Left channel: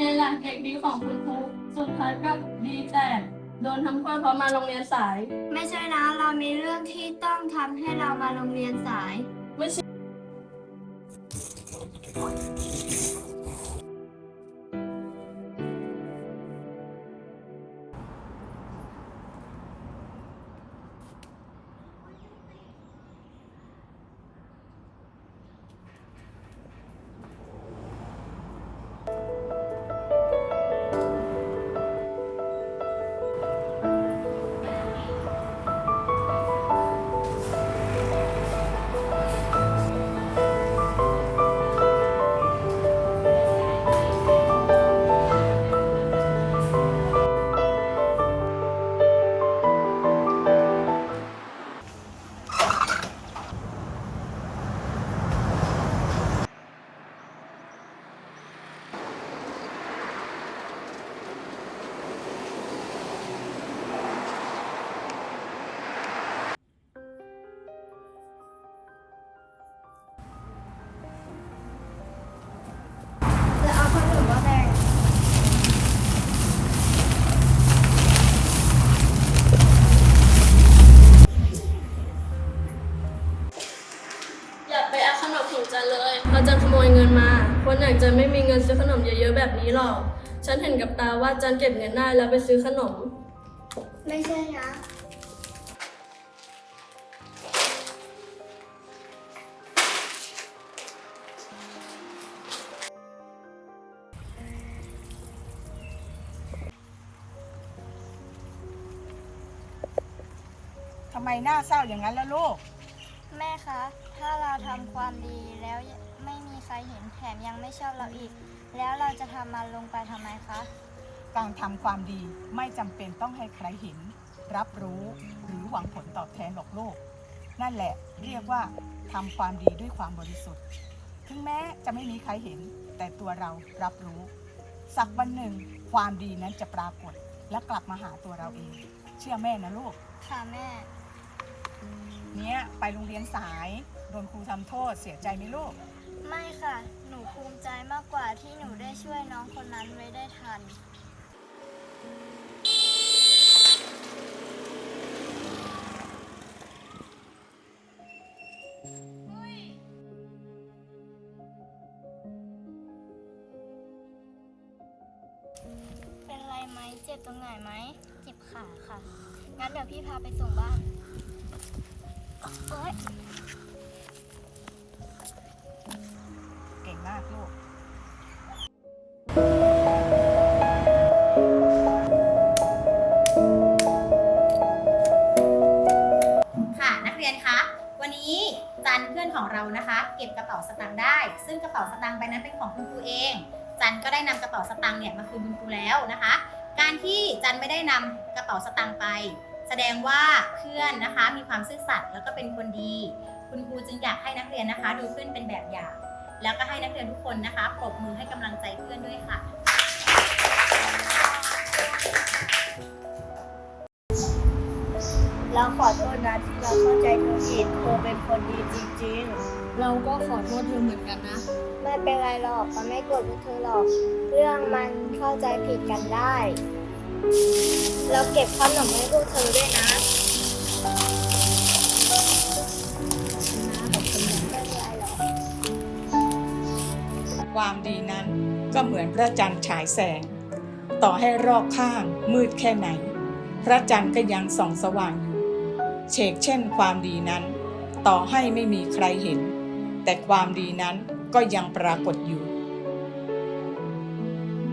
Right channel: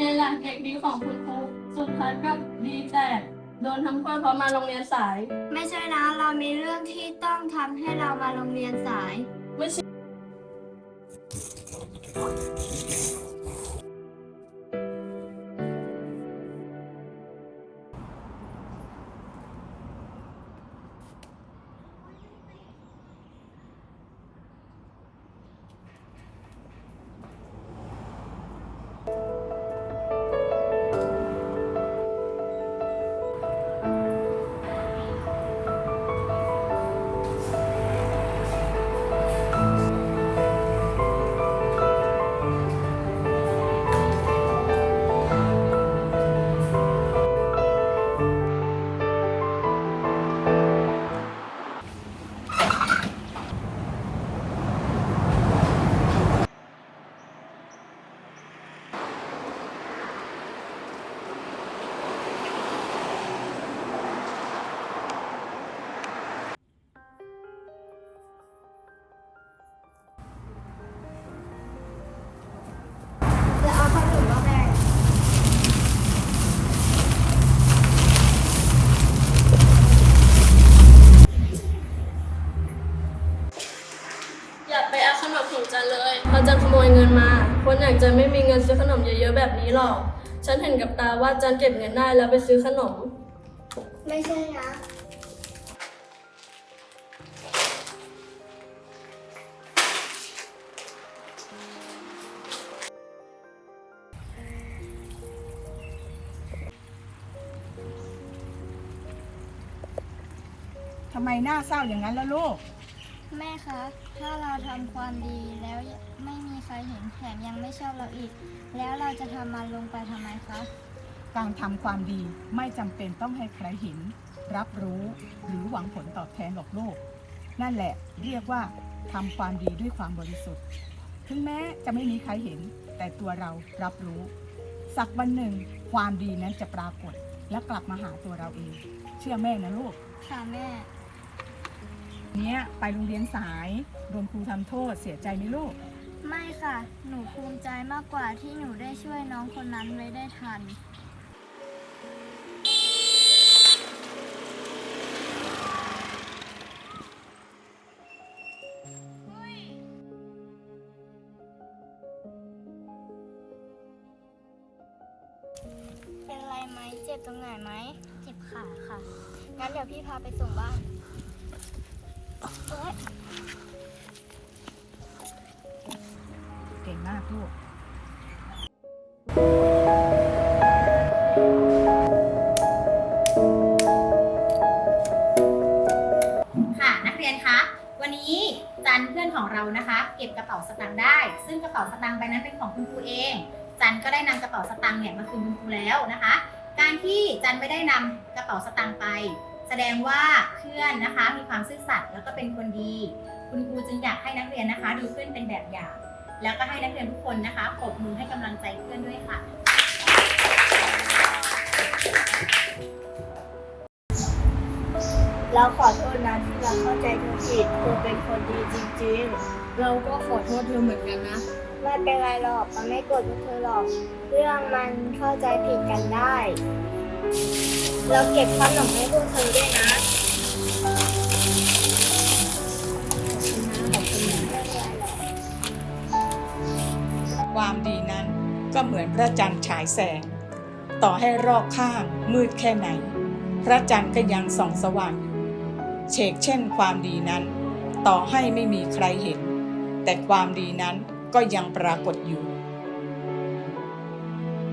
เป็นไงล่ะเด็กดีของคุณครู สุดท้ายก็ดีแต่โดนทำโทษเพราะมาโรงเรียนสาย ไม่ใช่นะ เรามีเรื่องที่ต้องทำให้เรามาโรงเรียนสาย ไม่ใช่ อย่าไปเอาขนมของจันเลย เราจะขโมยเงินมา คนอยากจะไม่มีเงินซื้อขนมเยอะๆแบบนี้หรอก ฉันเห็นกับตาว่าจันเก็บเงินได้แล้วไปซื้อขนม ไม่ใช่นะทำไมหน้าเศร้าอย่างนั้นล่ะลูกแม่ คะ ถ้าเราทำความดีแล้วไม่มีใครเห็นแถมยังไม่ชอบเราอีก แล้วเราจะทำมันลงไปทำไมคะ การทำความดีไม่จำเป็นต้องให้ใครเห็น รับรู้หรือหวังผลตอบแทนหรอกลูกนั่นแหละเรียกว่าทำความดีด้วยความบริสุทธิ์ ถึงแม้จะไม่มีใครเห็น แต่ตัวเรารับรู้ สักวันหนึ่ง ความดีนั้นจะปรากฏ และกลับมาหาตัวเราเอง เชื่อแม่นะลูก ค่ะแม่ เนี้ยไปโรงเรียนสายโดนครูทำโทษเสียใจไหมลูก ไม่ค่ะ หนูภูมิใจมากกว่าที่หนูได้ช่วยน้องคนนั้นไว้ได้ทัน เป็นไรไหมเจ็บตรงไหนไหมเจ็บขาค่ะ งั้นเดี๋ยวพี่พาไปส่งบ้าน เก่งมากลูก ค่ะนักเรียนคะ วันนี้จันเพื่อนของเรานะคะ เก็บกระเป๋าสตางค์ได้ ซึ่งกระเป๋าสตางค์ใบนั้นเป็นของคุณครูเอง จันก็ได้นำกระเป๋าสตางค์เนี่ยมาคืนคุณครูแล้วนะคะ การที่จันไม่ได้นำกระเป๋าสตางค์ไป แสดงว่าเพื่อนนะคะมีความซื่อสัตย์แล้วก็เป็นคนดี คุณครูจึงอยากให้นักเรียนนะคะดูเพื่อนเป็นแบบอย่าง แล้วก็ให้นักเรียนทุกคนนะคะปรบมือให้กำลังใจเพื่อนด้วยค่ะ เราขอโทษนะที่เราเข้าใจเธอผิดเธอเป็นคนดีจริงเราก็ขอโทษเธอเหมือนกันนะ ๆ ไม่เป็นไรหรอกมันไม่โกรธพวกเธอหรอก เรื่องมันเข้าใจผิดกันได้ เราเก็บขนมให้พวกเธอด้วยนะขอบคุณนะขอบคุณนะไม่เป็นไรหรอกความดีนั้นก็เหมือนพระจันทร์ฉายแสง ต่อให้รอบข้างมืดแค่ไหน พระจันทร์ก็ยังส่องสว่างอยู่เชกเช่นความดีนั้น ต่อให้ไม่มีใครเห็น แต่ความดีนั้นก็ยังปรากฏอยู่